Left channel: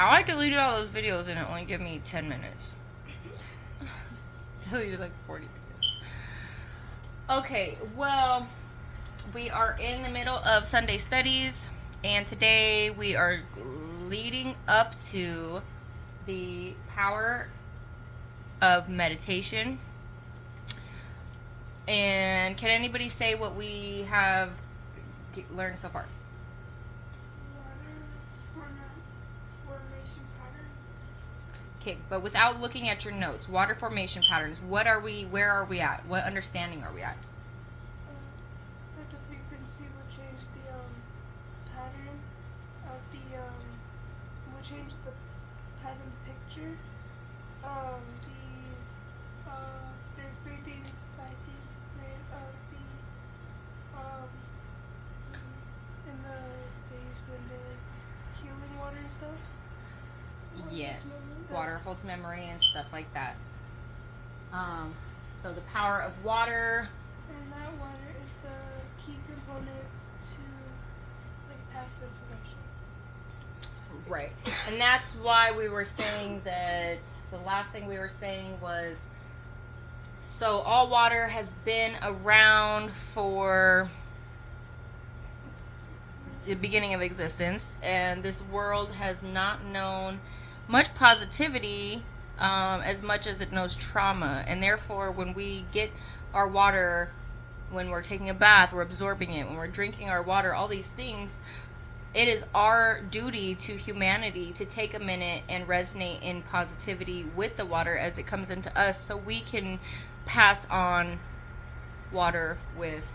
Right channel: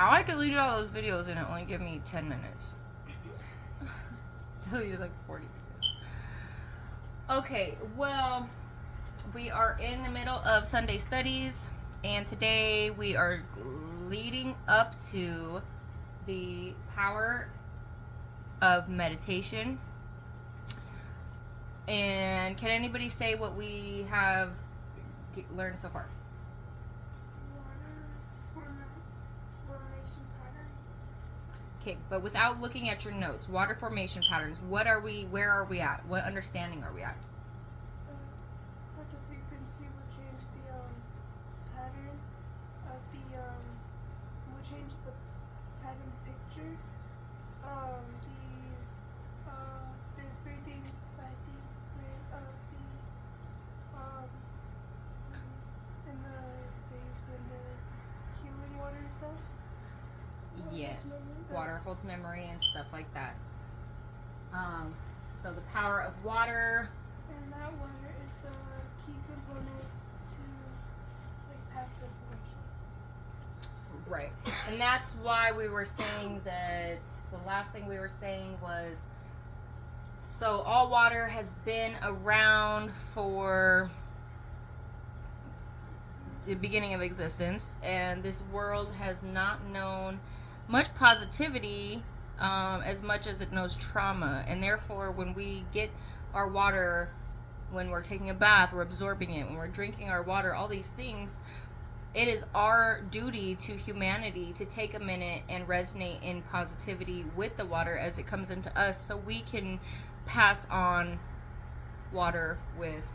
how I deleted all those videos and it only gave me 10 minutes. Deleted like 40 videos. Okay, well, we are in the middle of Sunday studies, and today we are leading up to the power of meditation. And can anybody say what we have learned so far? Formation pattern. Okay, but without looking at your notes, water formation patterns, where are we at? What understanding are we at? That the frequency will change the pattern of the will change the pattern picture. There's three things I think of in the days when they're healing water and stuff. Yes, water holds memory and stuff like that. So the power of water. And that water is the key component to like passive information. Right. And that's why we were saying that the last thing we were saying was, so all water has been around for the beginning of existence, and this world has not known much positivity as much as it knows trauma. And therefore, when we get our water, when we're taking a bath, we're absorbing it, when we're drinking our water, all these things, it is our duty to humanity to take a minute and resonate in positivity with the water as it comes into us, so we can pass on water with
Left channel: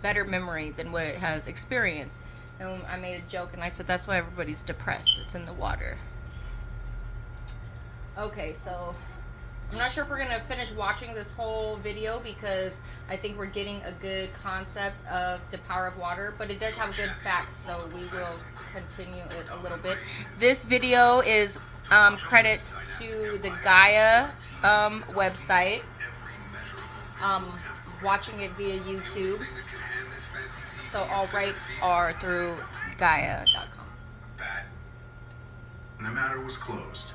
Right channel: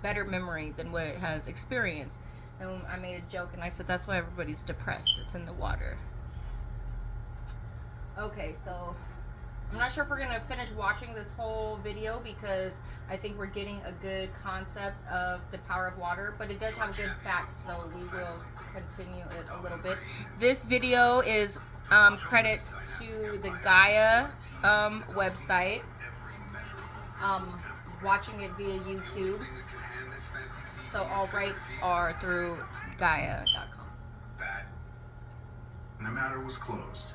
better memory than what it has experienced. And I made a joke and I said that's why everybody's depressed. It's in the water. Okay, so I'm not sure if we're going to finish watching this whole video because I think we're getting a good concept of the power of water, but it does have good facts, so we will continue it a little bit. This video is credit to the Gaia website. Watching it via YouTube. So all rights are through Gaia.com. And the matter was closed.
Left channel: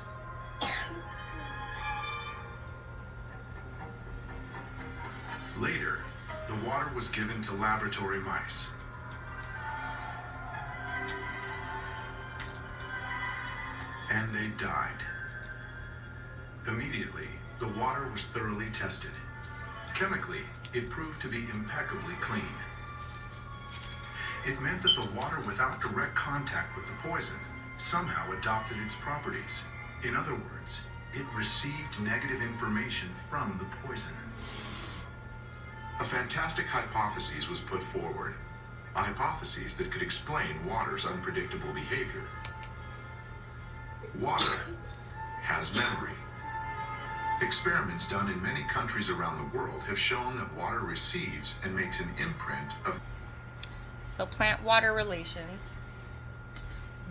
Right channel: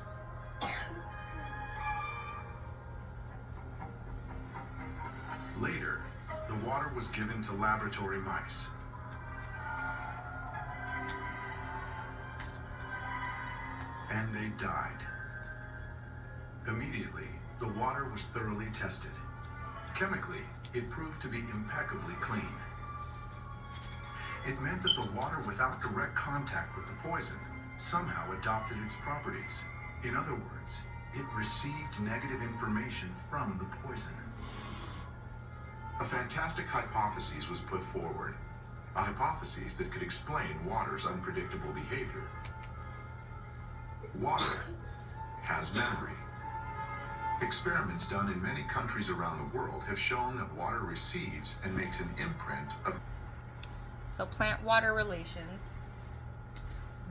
Later, the water was given to laboratory mice. And they died. Immediately, the water was thoroughly tested. Chemically, it proved to be impeccably clean. It meant that the water without direct contact with the poison somehow adopted its properties. In other words, it received negative information from the poison. A fantastic hypothesis was put forward, a hypothesis that could explain water's unpredictable behavior. Water has memory. Experiments done in many countries around the world have shown that water receives and makes an imprint of... So plant-water relations.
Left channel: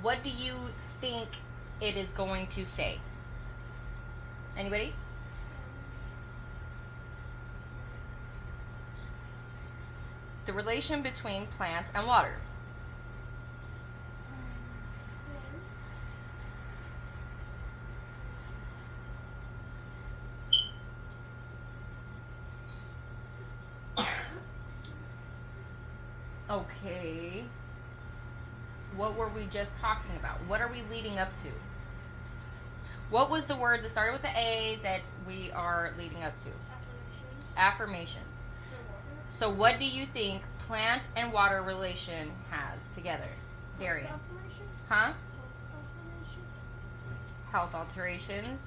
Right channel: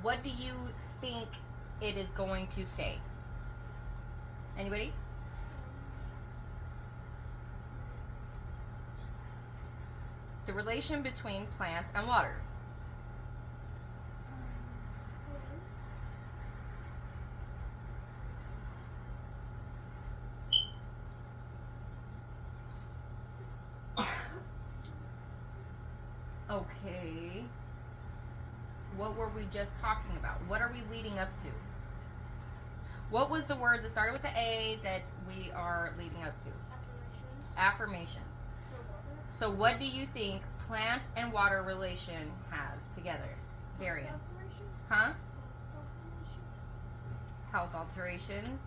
What do you think it is going to say? Anybody? The relation between plants and water. Okay. What were we just talking about? What are we leading up to? What was the word that started with the A that we are leading up to? Affirmations. So what do you think plant and water relation has together? Darian. Huh? Health alterations.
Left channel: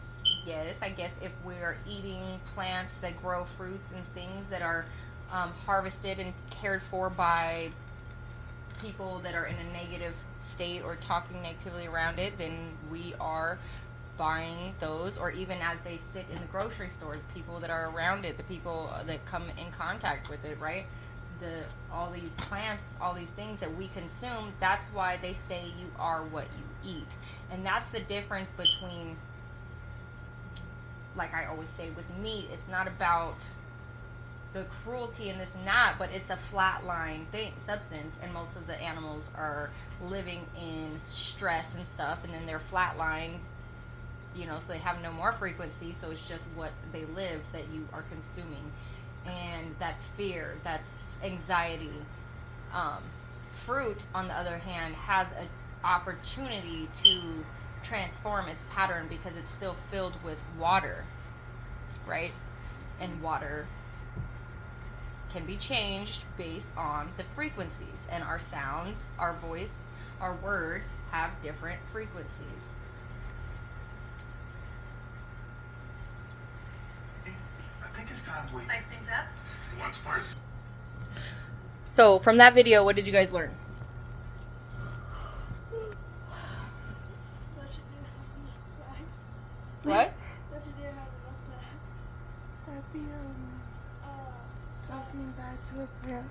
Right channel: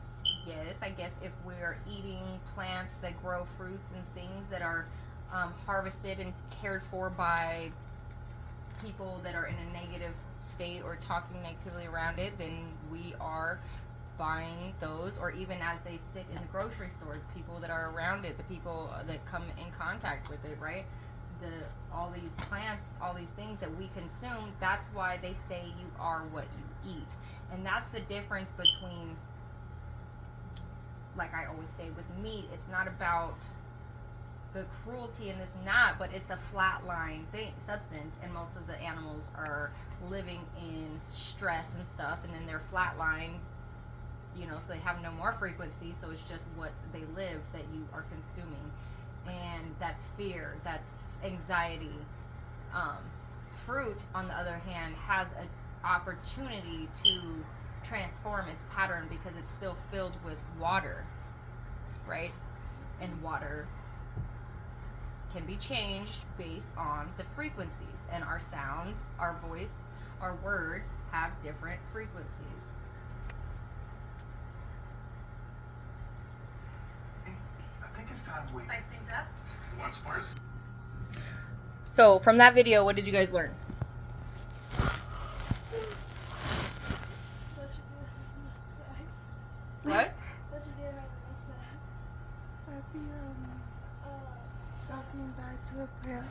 Yes, I guess if we're eating plants that grow fruits and things that are harvested and cared for by people that are in a negative state or talking negatively around it, then we are buying those. Or even as they sit in the grocery store, people that are around it, the people that come in contact with it, right? All these plants, all these things that we consume, that's why they say you are what you eat. And that's the difference between, like I always say with meat, it's not about the cruelty and this and that, but it's a flatline substance, and most of the animals are living in stress and stuff, and then they're flatline, so they have no more frequency, so it's just what they lived that you are consuming, and that's fear, that's anxiety. Fruit, on the other hand, has an opportunity to transform its pattern because it's still filled with water, right? And water can be changed based on the frequencies, and our sounds, our voice, our words have different frequencies. I think it's time we Spice things up. want spice. So from that video, what did you guys learn? That you didn't have enough facts. What? That you didn't have enough facts. That the talking back to a plant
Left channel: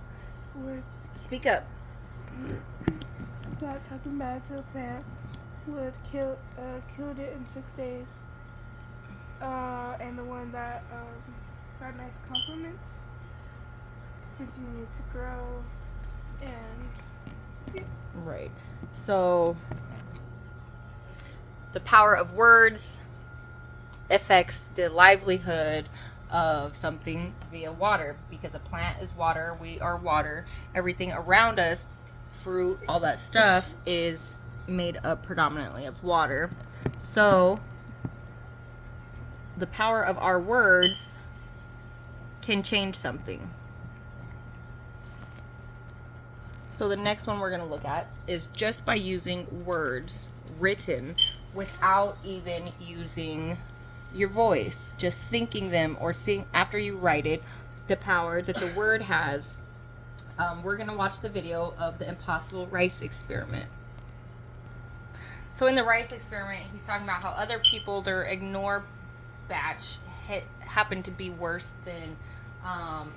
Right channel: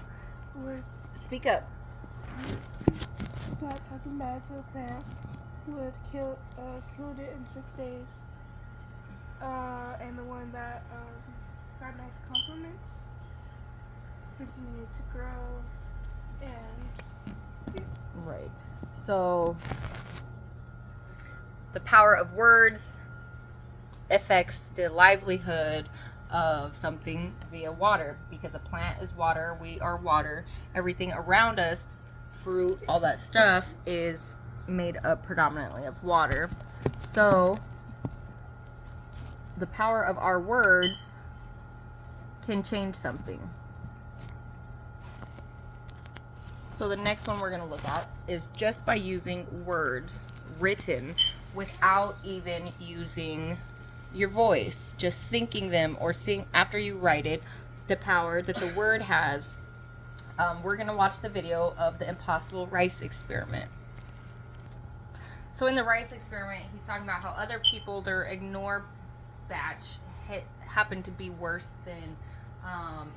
would Speak up. that talking back to a plant would killed it in 6 days. And the one that got nice compliments continued to grow and Right. So the power of words affects the livelihood of something via water, because a plant is water, we are water, everything around us, fruit, all that stuff is made up predominantly of water. So the power of our words can change something. So the next one we're going to look at is just by using words written without even using your voice, just thinking them or seeing after you write it, the power that the word has. We're going to watch the video of the impossible rice experiment. So in the rice experiment, he's talking about how other people, their ignore batch happened to be worse than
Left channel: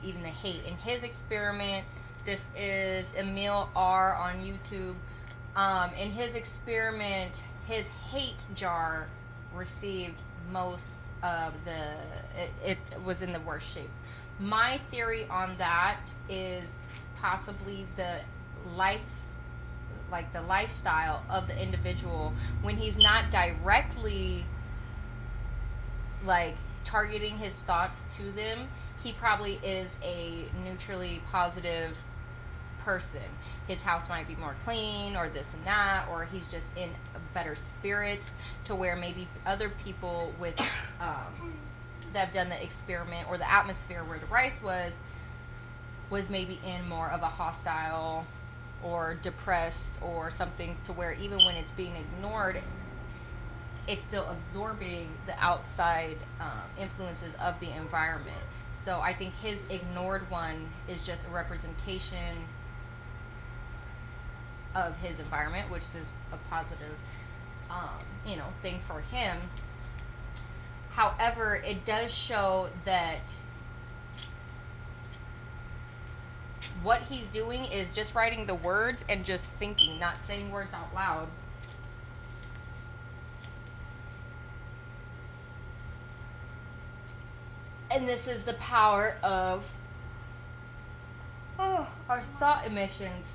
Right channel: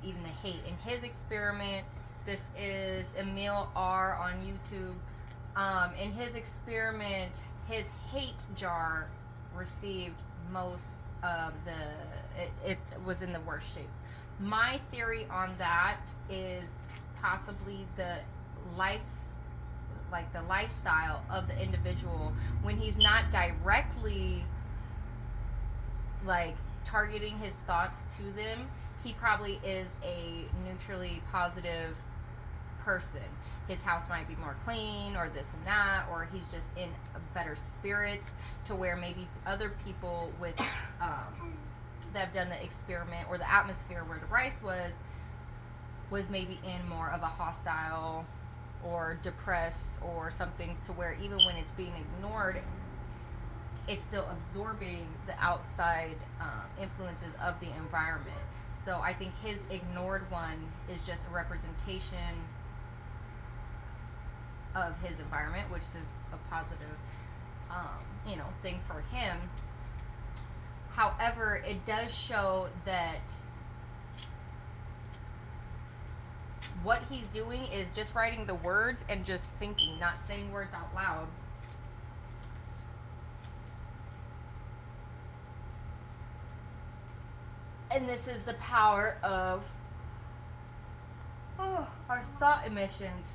even the hate. In his experiment, this is Emil R. on YouTube. In his experiment, his hate jar received most of it was in the worst shape. My theory on that is possibly the lifestyle of the individual, when he's not directly targeting his thoughts to them, he probably is a neutrally positive person. His house might be more clean or this and that, or he's just in a better spirits, to where maybe other people with that have done the experiment, or the atmosphere where the rice was maybe in more of a hostile or depressed or something, to where even when it's being ignored, it's still absorbing the outside influences of the environment. So I think his ignored one is just a representation of his environment, which is a positive thing for him. However, it does show that what he's doing is just writing the words and just thinking, not saying words out loud. And this is the power of our thought emissions.